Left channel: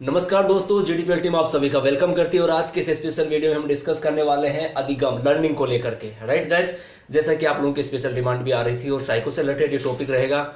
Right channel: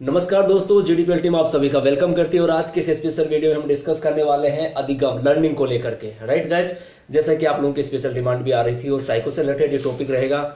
नमस्कार दोस्तों, जीडीपीएल टीम आप सभी का वेलकम करती है और आज के इस स्पेशल वीडियो में हम डिस्कस करने वाले हैं अधिगम लर्निंग को लेकर के। राइट गाइज, जैसा कि आप लोगों की स्पेशल डिमांड भी आ रही थी और साइको से रिलेटेड ये टॉपिक रहेगा।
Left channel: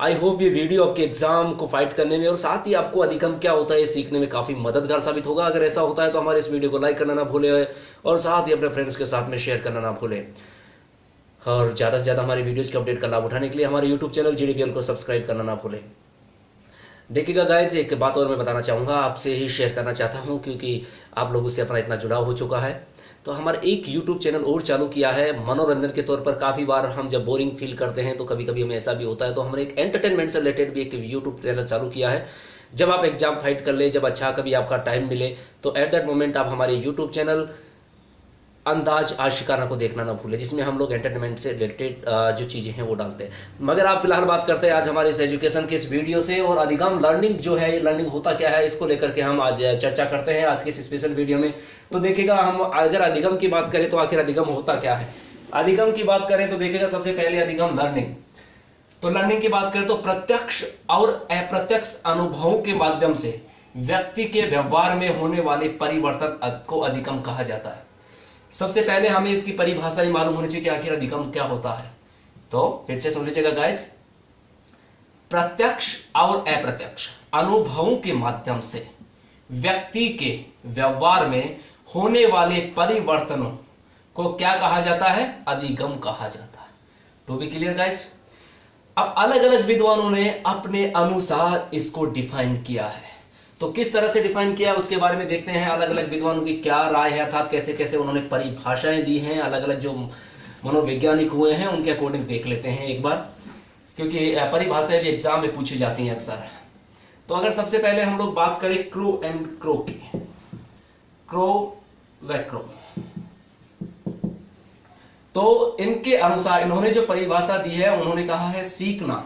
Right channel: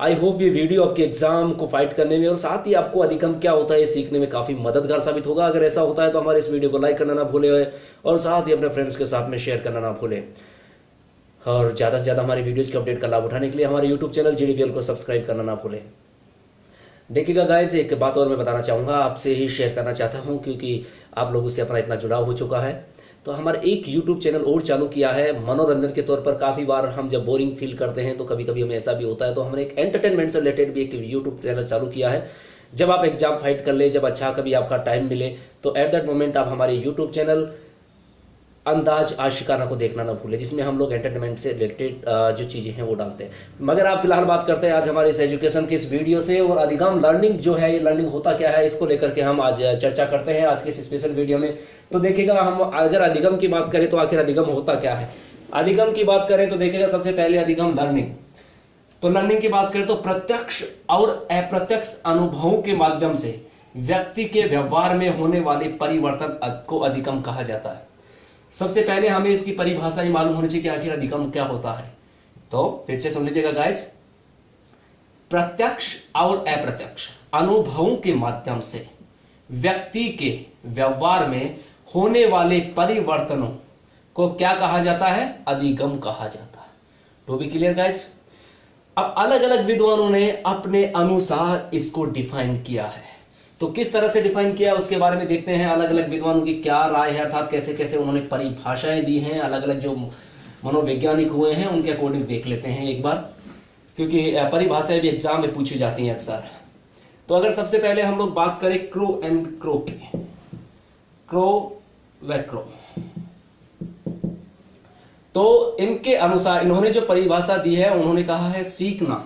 आई होप ये वीडियो आपके एग्जाम को फाइट करने में और साथ ही आपको अधिगम क्या होता है ये सीखने में काफी मददगार साबित होगा। अगर ऐसा होता है तो हमारे इस वीडियो को लाइक करना ना भूले और साथ ही अपने फ्रेंड्स के साथ में शेयर करना ना भूले। और ज्यादा से ज्यादा हमारी वीडियोज के अपडेट का लाभ उठाने के लिए हमारे यूट्यूब चैनल जीडीपीएल को सब्सक्राइब करना ना भूले। देखिएगा गाइज, एक बात और मैं बताना चाहूँगा, आपसे ही शेयर करना चाहता हूँ क्योंकि आप लोगों से अपना इतना जुड़ाव हो चुका है। तो हमारा एक यूट्यूब चैनल और चालू किया है मनोरंजन के तौर पर। काफ़ी बार हम जब बोरिंग फील करते हैं तो कभी कभी हमें ऐसा भी होता है, तो हमने एक एंटरटेनमेंट से रिलेटेड भी एक यूट्यूब चैनल चालू किया है। जब आप एग्जाम फाइट कर ले, जब अच्छा कभी आपका टाइम मिले तो एट दैट मोमेंट आप हमारे यूट्यूब चैनल अंदाज आशिकाना को देखना ना भूले, जिसमें हम लोग एंटरटेनमेंट से रिलेटेड जो चीज़ें हैं वो डालते हैं। मगर आप फिलहाल बात करते हैं आज हमारे इस एजुकेशन के इस वीडियो से, और अधिगम लर्निंग जो है, ये लर्निंग होता क्या है, इसको लेकर के हम आज चर्चा करते हैं आज के इस स्पेशल वीडियो में। तो देखिएगा, हम अगर अधिगम की बात करें तो आखिर अधिगम होता क्या है। अधिगम की बात करें तो देखिएगा, सबसे पहले अधिगम लर्निंग। तो लर्निंग की बात करें तो प्रत्यक्ष और अप्रत्यक्ष अनुभवों के माध्यम से व्यक्ति के व्यवहार में होने वाले परिवर्तन को अधिगम कहा जाता है। सबसे पहले हमें इसकी परिभाषा ही मालूम होनी चाहिए कि आखिर अधिगम क्या होता है। तो फिर से सुन लीजिएगा गाइस, प्रत्यक्ष और अप्रत्यक्ष अनुभवों के माध्यम से व्यक्ति के व्यवहार में होने वाले परिवर्तनों को क्या कहा जाता है, अधिगम कहा जाता है। टू बी क्लियर गाइस, अब अलग अलग विद्वानों ने अपने अनुसार इसको डिफाइन किया है। तो किस तरह से डिफाइन किया उसके बारे में देखते हैं, अलग अलग विद्वानों की क्या राय है, अर्थात कैसे कैसे उन्होंने परिभाषाएं दी हैं। अलग अलग जो मनोवैज्ञानिक हुए हैं उनके अकॉर्डिंग देख लेते हैं एक बार, क्योंकि परिभाषाएं भी एग्जाम में पूछी जाती हैं अक्सर। तो अगर सबसे पहले हम लोग बात करें क्रो एंड क्रो की, क्रो व क्रो, तो इनके अनुसार इन्होंने जो परिभाषा दी है उन्होंने कहा है सीखना।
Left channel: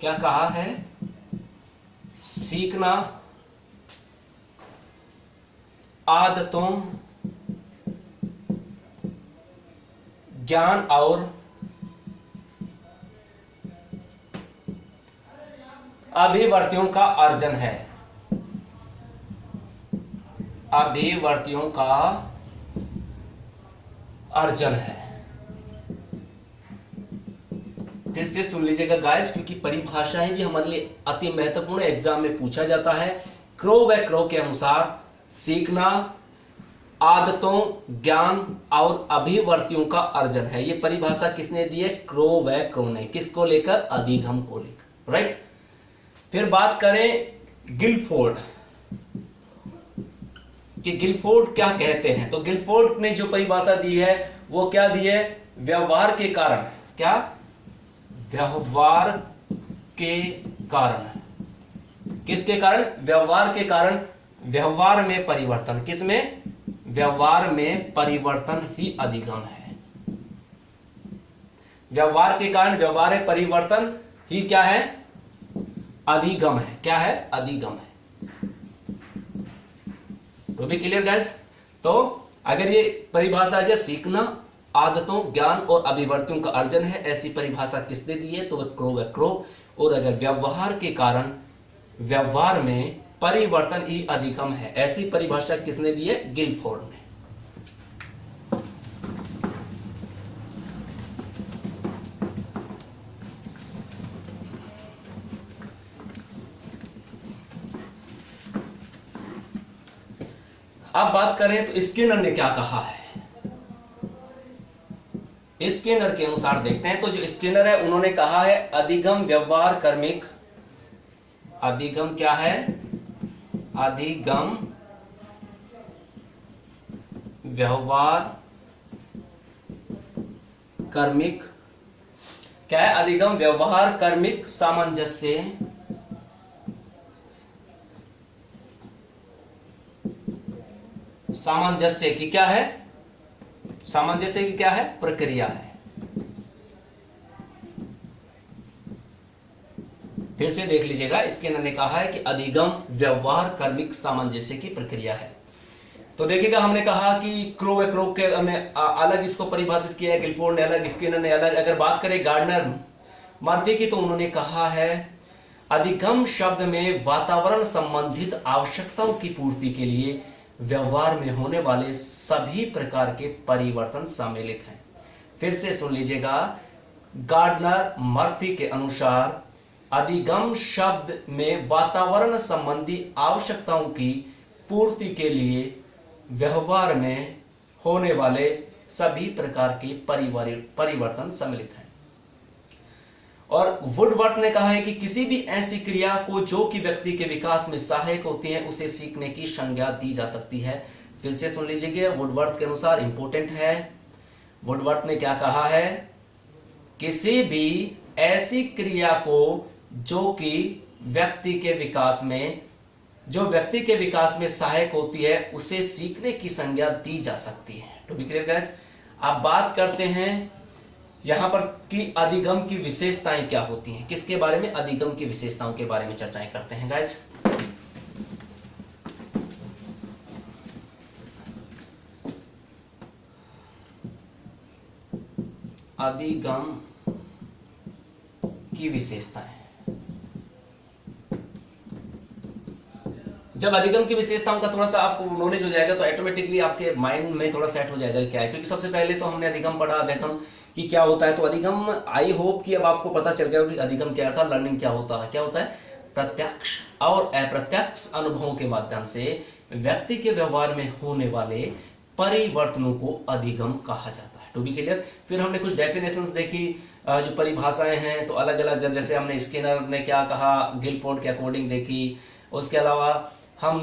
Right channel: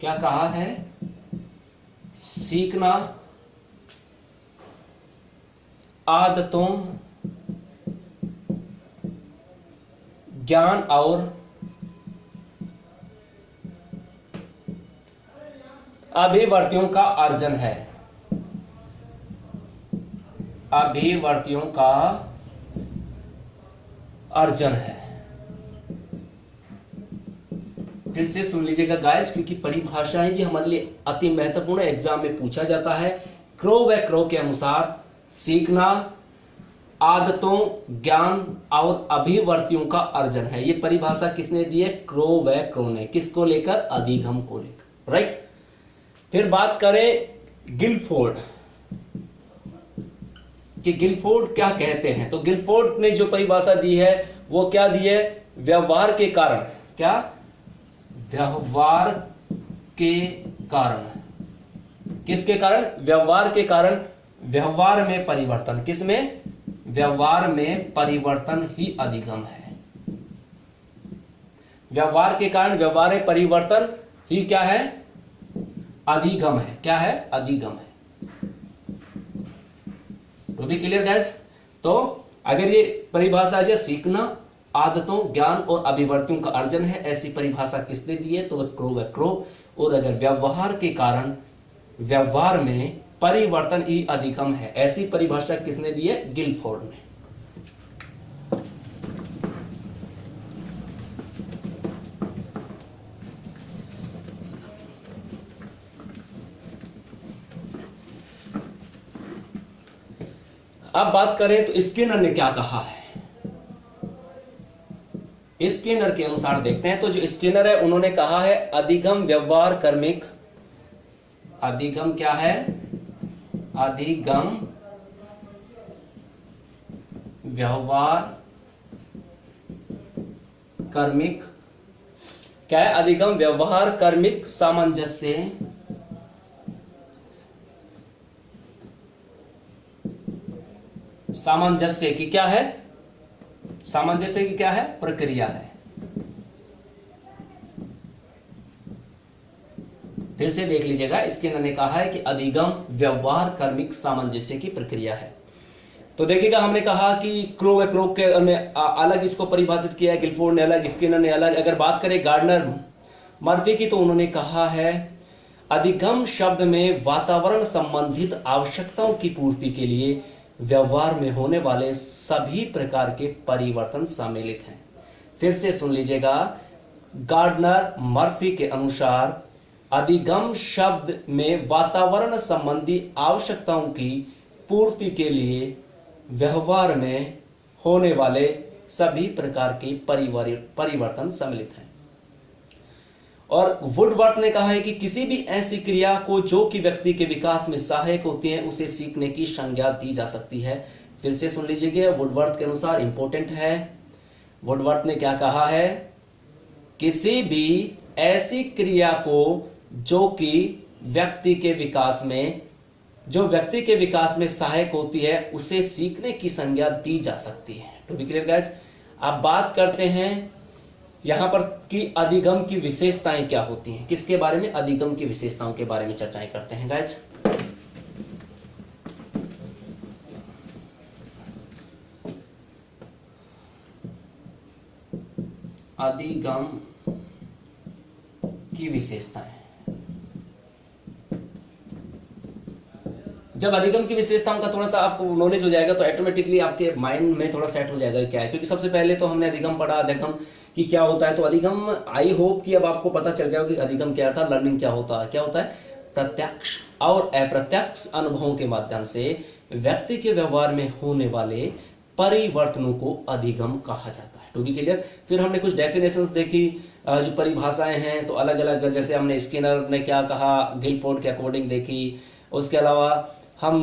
क्या कहा है? सीखना आदतों, ज्ञान और अभिवर्तियों का अर्जन है। अभिवर्तियों का अर्जन है। फिर से सुन लीजिएगा गाइस, क्योंकि परिभाषाएं भी हमारे लिए अति महत्वपूर्ण एग्जाम में पूछा जाता है। क्रो व क्रो के अनुसार सीखना आदतों, ज्ञान और अभिवर्तियों का अर्जन है। ये परिभाषा किसने दी है? क्रो व क्रो ने। किसको लेकर? अधिगम को लेकर। राइट। फिर बात करें गिलफोर्ड कि गिलफोर्ड क्या कहते हैं। तो गिलफोर्ड ने जो परिभाषा दी है वो क्या दी है? व्यवहार के कारण। क्या? व्यवहार के कारण। किसके कारण? व्यवहार के कारण। व्यवहार में परिवर्तन। किसमें? व्यवहार में परिवर्तन ही अधिगम है। व्यवहार के कारण व्यवहार में परिवर्तन ही क्या है? अधिगम है। क्या है? अधिगम है। तो भी क्लियर गाइस? तो अगर ये परिभाषा है सीखना आदतों, ज्ञान और अभिवर्तियों का अर्जन है, ऐसी परिभाषा किसने दी है? तो वह क्रो व क्रो। और अगर व्यवहार के कारण व्यवहार में परिवर्तन ही अधिगम है, ऐसी परिभाषा किसने दी है? गिलफोर्ड ने। अब बात करें तो स्किनर ने क्या कहा है। स्किनर के अनुसार देखते हैं। तो जो स्किनर है उन्होंने कहा है अधिगम व्यवहार कर्मिक। अधिगम क्या है? अधिगम व्यवहार कर्मिक। क्या है? अधिगम व्यवहार कर्मिक सामंजस्य। सामंजस्य की क्या है? सामंजस्य की क्या है? प्रक्रिया है। फिर से देख लीजिएगा, इसके ने कहा है कि अधिगम व्यवहार कर्मिक सामंजस्य की प्रक्रिया है। तो देखिएगा, हमने कहा कि क्रो व क्रो के ने अलग इसको परिभाषित किया है, गिलफोर्ड ने अलग, स्किनर ने अलग। अगर बात करें गार्डनर मर्फी की तो उन्होंने कहा है अधिगम शब्द में वातावरण संबंधित आवश्यकताओं की पूर्ति के लिए व्यवहार में होने वाले सभी प्रकार के परिवर्तन सम्मिलित हैं। फिर से सुन लीजिएगा, गार्डनर मर्फी के अनुसार अधिगम शब्द में वातावरण संबंधी आवश्यकताओं की पूर्ति के लिए व्यवहार में होने वाले सभी प्रकार के परिवर्तन सम्मिलित हैं। और वुडवर्थ ने कहा है कि किसी भी ऐसी क्रिया को जो कि व्यक्ति के विकास में सहायक होती है उसे सीखने की संज्ञा दी जा सकती है। फिर से सुन लीजिएगा, वुडवर्थ के अनुसार इंपॉर्टेंट है। वुडवर्थ ने क्या कहा है? किसी भी ऐसी क्रिया को जो व्यक्ति के विकास में सहायक होती है उसे सीखने की संज्ञा दी जा सकती है। टू बी क्लियर गाइस, अब बात करते हैं यहां पर कि अधिगम की विशेषताएं क्या होती हैं। किसके बारे में? अधिगम की विशेषताओं के बारे में चर्चाएं करते हैं गाइस। अधिगम की विशेषताएं। जब अधिगम की विशेषताओं का थोड़ा सा आपको नॉलेज हो जाएगा तो ऑटोमेटिकली आपके माइंड में थोड़ा सेट हो जाएगा क्या है, क्योंकि सबसे पहले तो हमने अधिगम पढ़ा, अधिगम कि क्या होता है। तो अधिगम, आई होप कि अब आपको पता चल गया कि अधिगम क्या था, लर्निंग क्या होता है। क्या होता है? प्रत्यक्ष और अप्रत्यक्ष अनुभवों के माध्यम से व्यक्ति के व्यवहार में होने वाले परिवर्तनों को अधिगम कहा जाता है। To be clear. फिर हमने कुछ डेफिनेशंस देखी, जो परिभाषाएं हैं तो अलग अलग, जैसे हमने स्किनर ने क्या कहा, गिलफोर्ड के अकॉर्डिंग देखी। उसके अलावा हम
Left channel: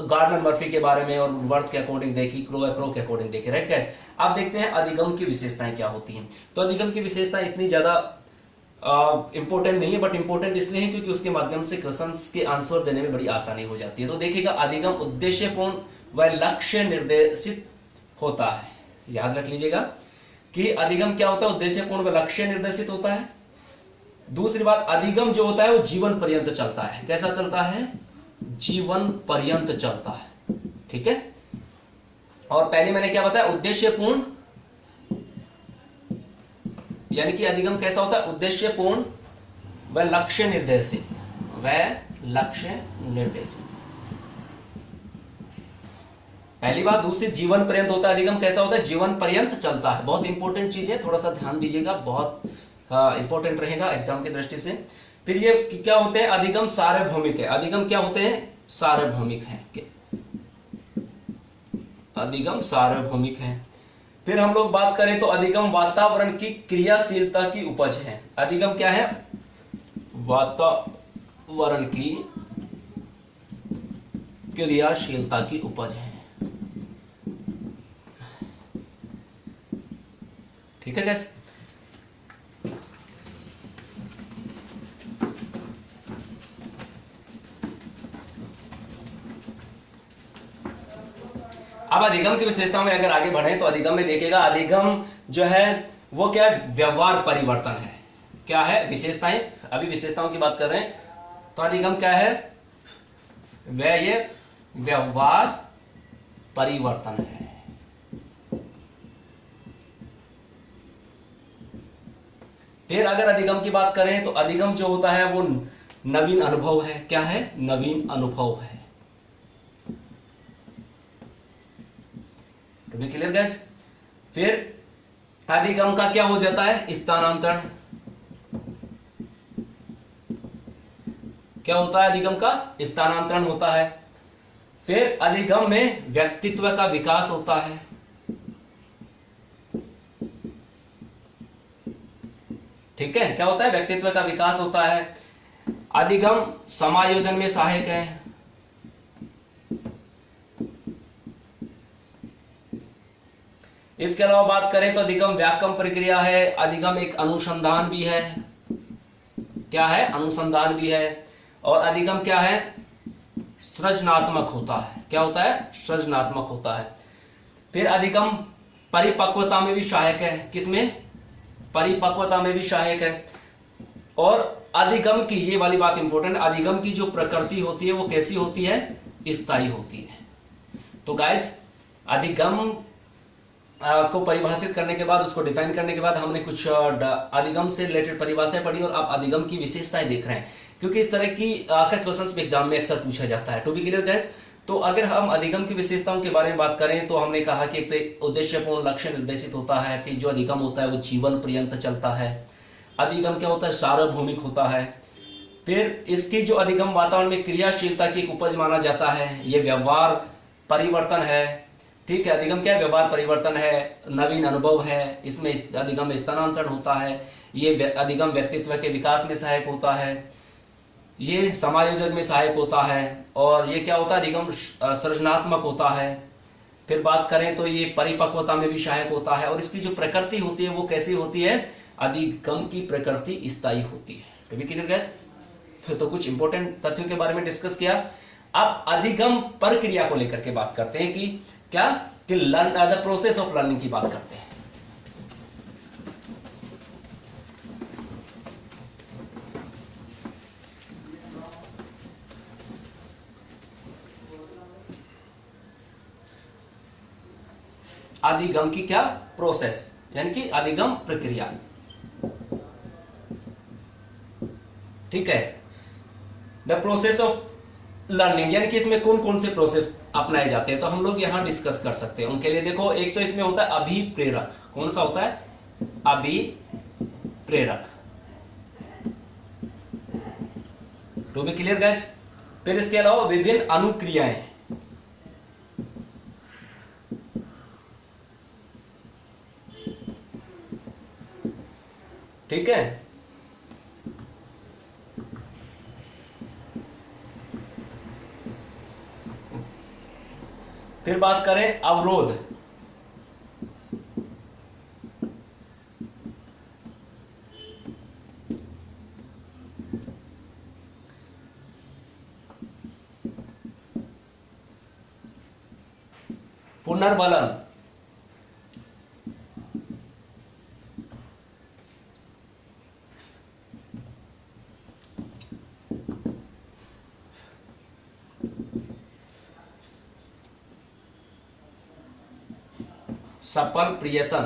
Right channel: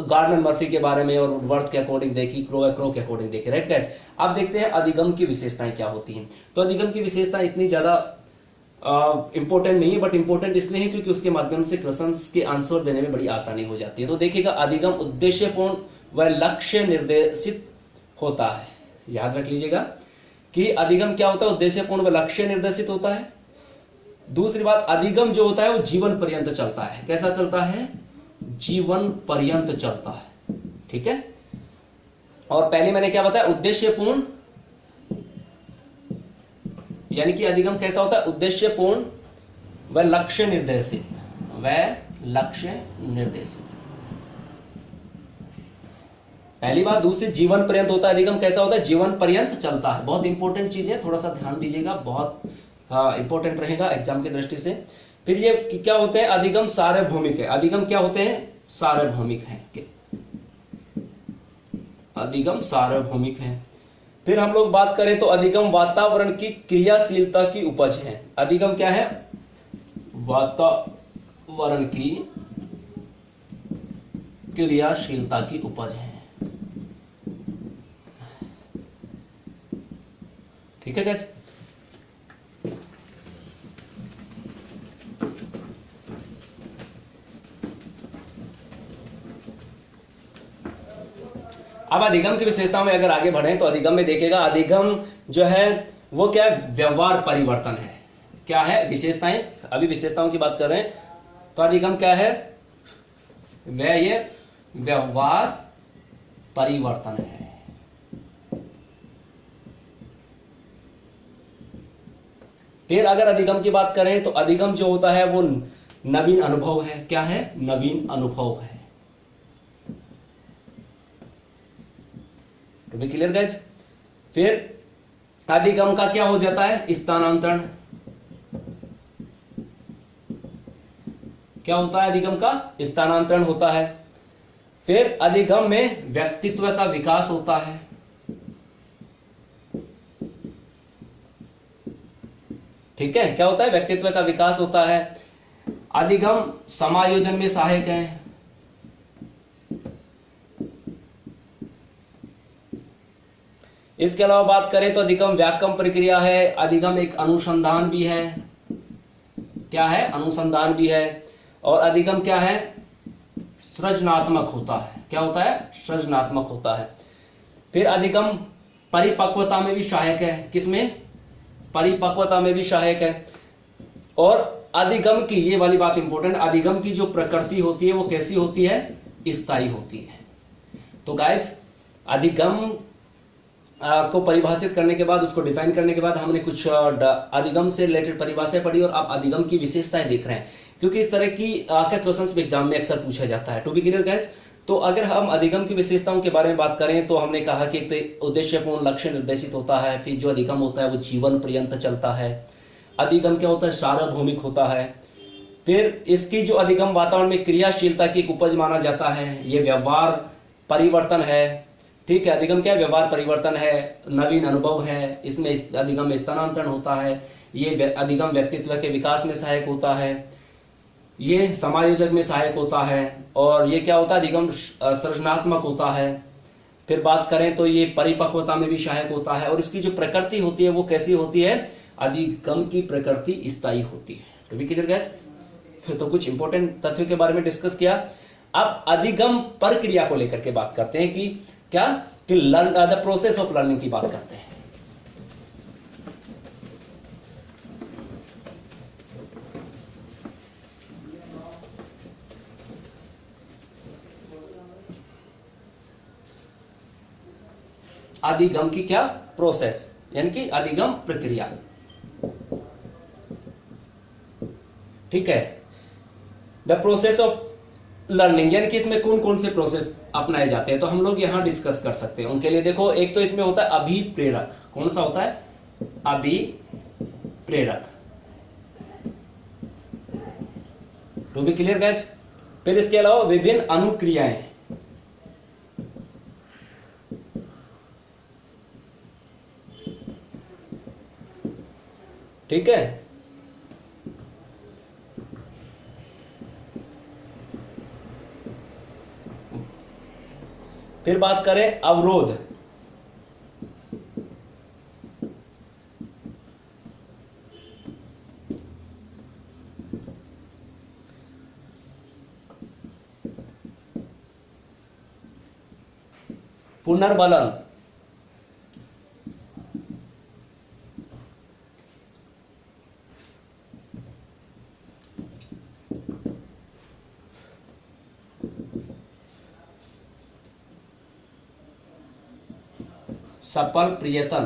गार्डनर मर्फी के बारे में और वुडवर्थ के अकॉर्डिंग देखी, क्रो के अकॉर्डिंग देखी। राइट गाइस, अब देखते हैं अधिगम की विशेषताएं क्या होती हैं। तो अधिगम की विशेषताएं इतनी ज्यादा इंपॉर्टेंट नहीं है, बट इंपॉर्टेंट इसलिए है क्योंकि उसके माध्यम से क्वेश्चंस के आंसर देने में बड़ी आसानी हो जाती है। तो देखिएगा, अधिगम उद्देश्यपूर्ण व लक्ष्य निर्देशित होता है। याद रख लीजिएगा कि अधिगम क्या होता है? उद्देश्यपूर्ण व लक्ष्य निर्देशित होता है। दूसरी बात, अधिगम जो होता है वो जीवन पर्यंत चलता है। कैसा चलता है? जीवन पर्यंत चलता है। ठीक है। और पहले मैंने क्या बताया? उद्देश्यपूर्ण, यानी कि अधिगम कैसा होता है? उद्देश्यपूर्ण व लक्ष्य निर्देशित, पहली बात। दूसरी, जीवन पर्यंत होता है। अधिगम कैसा होता है? जीवन पर्यंत चलता है। बहुत इंपॉर्टेंट चीज है, थोड़ा सा ध्यान दीजिएगा, बहुत इंपॉर्टेंट रहेगा एग्जाम की दृष्टि से। फिर ये क्या होते हैं? अधिगम सार्वभौमिक है। अधिगम क्या होते हैं? सार्वभौमिक है। अधिगम सार्वभौमिक है। फिर हम लोग बात करें तो अधिगम वातावरण की क्रियाशीलता की उपज है। अधिगम क्या है? वातावरण की क्रियाशीलता की उपज है। ठीक है गाइस। अब अधिगम की विशेषताओं में अगर आगे बढ़े तो अधिगम में देखेगा, अधिगम जो है वो क्या है? व्यवहार परिवर्तन है। क्या है? विशेषताएं, अभी विशेषताओं की बात कर रहे हैं। तो अधिगम क्या है? वह ये व्यवहार परिवर्तन है। फिर अगर अधिगम की बात करें तो अधिगम जो होता है वो नवीन अनुभव है। क्या है? नवीन अनुभव है। To be clear guys. फिर अधिगम का क्या हो जाता है? स्थानांतरण। क्या होता है? अधिगम का स्थानांतरण होता है। फिर अधिगम में व्यक्तित्व का विकास होता है। ठीक है, क्या होता है? व्यक्तित्व का विकास होता है। अधिगम समायोजन में सहायक है। इसके अलावा बात करें तो अधिगम व्याकम प्रक्रिया है। अधिगम एक अनुसंधान भी है। क्या है? अनुसंधान भी है। और अधिगम क्या है? सृजनात्मक होता है। क्या होता है? सृजनात्मक होता है। फिर अधिगम परिपक्वता में भी सहायक है। किसमें? परिपक्वता में भी सहायक है। और अधिगम की, ये वाली बात इंपॉर्टेंट, अधिगम की जो प्रकृति होती है वो कैसी होती है? स्थायी होती है। तो गाइस, अधिगम को परिभाषित करने के बाद, उसको डिफाइन करने के बाद हमने कुछ अधिगम से रिलेटेड परिभाषाएं पढ़ी और आप अधिगम की विशेषताएं देख रहे हैं। क्योंकि इस तरह की का क्वेश्चंस भी एग्जाम में अक्सर पूछा जाता है। टू बी क्लियर गाइस, तो अगर हम अधिगम की विशेषताओं के बारे में बात करें तो हमने कहा कि एक तो उद्देश्यपूर्ण लक्ष्य निर्देशित होता है, फिर जो अधिगम होता है वो जीवन पर्यंत चलता है। अधिगम क्या होता है, सार्वभौमिक होता है। फिर इसकी जो अधिगम वातावरण में क्रियाशीलता की एक उपज माना जाता है। ये व्यवहार परिवर्तन है, ठीक है। अधिगम क्या है, व्यवहार परिवर्तन है, नवीन अनुभव है, इसमें अधिगम में स्थानांतरण होता है। ये अधिगम व्यक्तित्व के विकास में सहायक होता है, ये समायोजन में सहायक होता है, और ये क्या होता है, अधिगम सृजनात्मक होता है। फिर बात करें तो ये परिपक्वता में भी सहायक होता है, और इसकी जो प्रकृति होती है वो कैसी होती है, अधिगम की प्रकृति स्थायी होती है। तो भी क्लियर गाइस, तो कुछ इंपॉर्टेंट तथ्यों के बारे में डिस्कस किया। अब अधिगम प्रक्रिया को लेकर के बात करते हैं कि क्या, कि learn the process of learning की बात करते हैं। अधिगम की क्या प्रोसेस, यानी कि अधिगम प्रक्रिया, ठीक है। द प्रोसेस ऑफ लर्निंग, यानी कि इसमें कौन कौन से प्रोसेस अपनाए जाते हैं, तो हम लोग यहां डिस्कस कर सकते हैं। उनके लिए देखो, एक तो इसमें होता है अभिप्रेरक। कौन सा होता है, अभिप्रेरक। To be clear guys. फिर इसके अलावा विभिन्न अनुक्रियाएं, ठीक है। फिर बात करें अवरोध, पुनर्बलन, सफल प्रयत्न।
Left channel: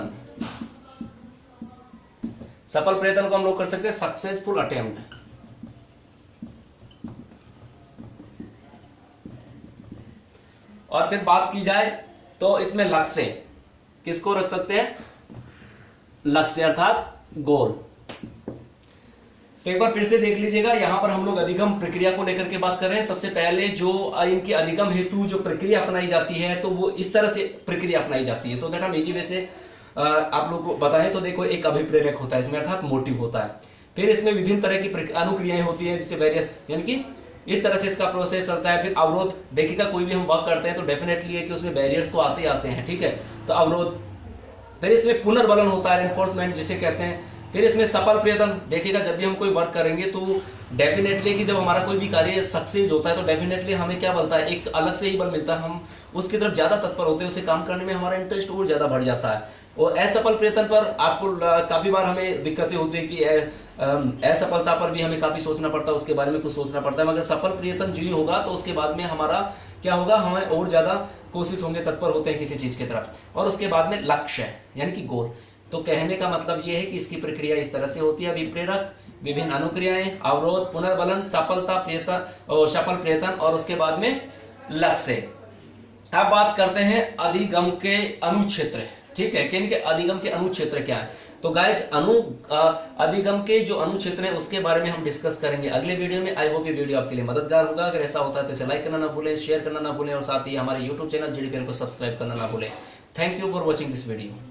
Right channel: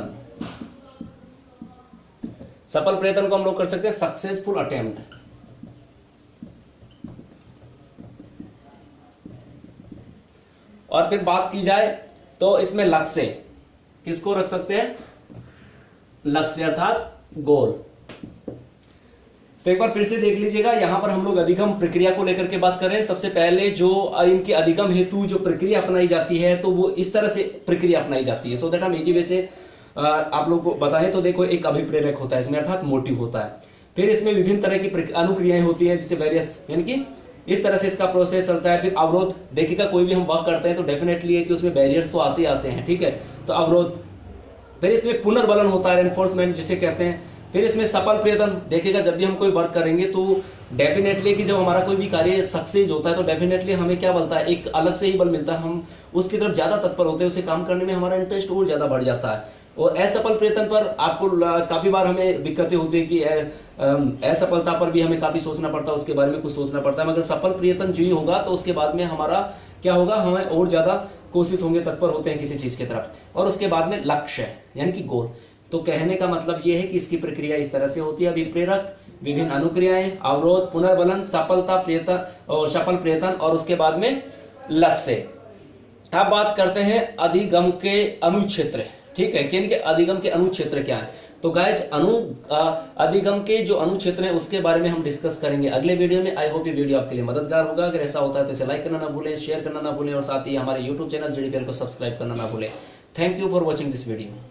सफल प्रयत्न को हम लोग कर सकते हैं सक्सेसफुल अटेम्प्ट। और फिर बात की जाए तो इसमें लक्ष्य, किसको रख सकते हैं, लक्ष्य अर्थात गोल। तो एक बार फिर से देख लीजिएगा, यहां पर हम लोग अधिगम प्रक्रिया को लेकर के बात कर रहे हैं। सबसे पहले जो इनके अधिगम हेतु जो प्रक्रिया अपनाई जाती है, तो वो इस तरह से प्रक्रिया अपनाई जाती है, सो दैट हम इजी वे से आप लोग को बताएं। तो देखो, एक अभिप्रेरक होता है इसमें, अर्थात मोटिव होता है। फिर इसमें विभिन्न तरह की अनुक्रियाएं होती है, जिससे वेरियस, यानी कि इस तरह से इसका प्रोसेस चलता है। फिर अवरोध, देखिएगा कोई भी हम वर्क करते हैं तो डेफिनेटली है कि उसमें बैरियर्स तो आते ही आते हैं, ठीक है। तो अवरोध। फिर इसमें पुनर्बलन होता है, एनफोर्समेंट जिसे कहते हैं। फिर इसमें सफल प्रयत्न, देखिएगा जब भी हम कोई वर्क करेंगे तो डेफिनेटली कि जब हमारा कोई भी कार्य सक्सेस होता है तो डेफिनेटली हमें क्या मिलता है, एक अलग से ही बल मिलता है। हम उसकी तरफ ज्यादा तत्पर होते हैं, उसे काम करने में हमारा इंटरेस्ट और ज्यादा बढ़ जाता है। और असफल प्रयत्न पर आपको काफी बार हमें दिक्कतें होती है कि असफलता पर भी हमें काफी सोचना पड़ता है, उसके बारे में कुछ सोचना पड़ता है। मगर सफल प्रयत्न जो ही होगा तो उसके बाद में हमारा क्या होगा, हमें और ज्यादा कोशिश होंगे, तत्पर होते हैं किसी चीज की तरफ। और उसके बाद में लक्ष्य है, यानी कि गोल। तो कहने का मतलब यह है कि इसकी प्रक्रिया इस तरह से होती है, विप्रेरक, विभिन्न अनुक्रियाएं, अवरोध, पुनर्बलन, सफलता प्रयत्न और सफल प्रयत्न, और उसके बाद में लक्ष्य। अब बात करते हैं अधिगम के अनुक्षेत्र, ठीक है, कि अधिगम के अनुक्षेत्र क्या है। तो गाइज अधिगम के जो अनुक्षेत्र है उसके बारे में हम डिस्कस करेंगे अगले वीडियो में। आई होप ये वीडियो आपके लिए मददगार होगा। अगर ऐसा होता है तो इसे लाइक करना ना भूलें, शेयर करना ना भूलें, और साथ ही हमारे यूट्यूब चैनल JDPL को सब्सक्राइब करना ना भूलें। Thank you for watching this video.